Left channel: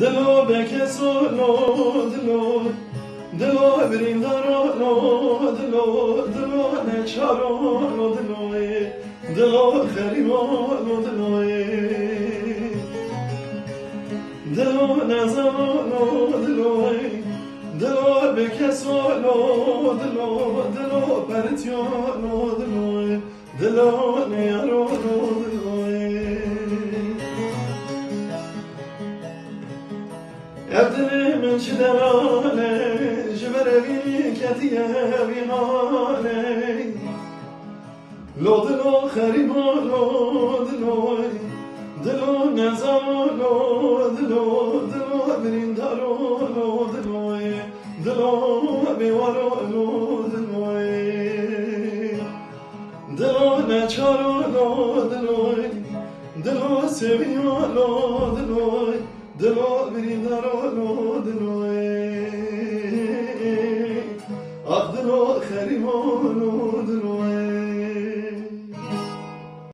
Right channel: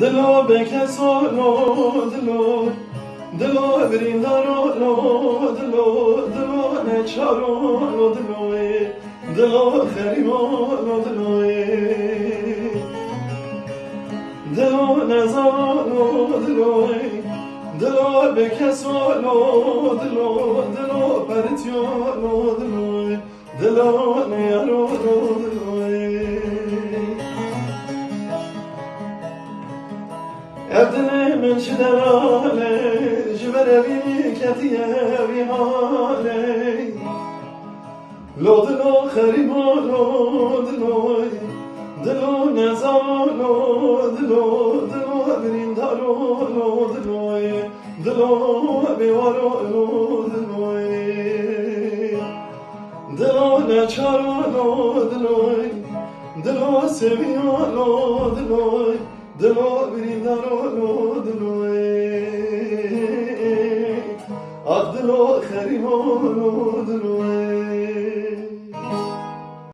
دلو بکسانو دلو بریندارانو دلو نچارانو دلو خریمانو دلو نزانو دلو بکسانو دلو پرتیانو دلو نیارانو ابدل من شدرانه جبر بینی کتیه بیهانه لو دلو خریبانو دلو نزانو دلو بریندارانو دلو بیوارانو دلو نچارانو دلو سویانو دلو بریندارانو آخ دلو خریبانو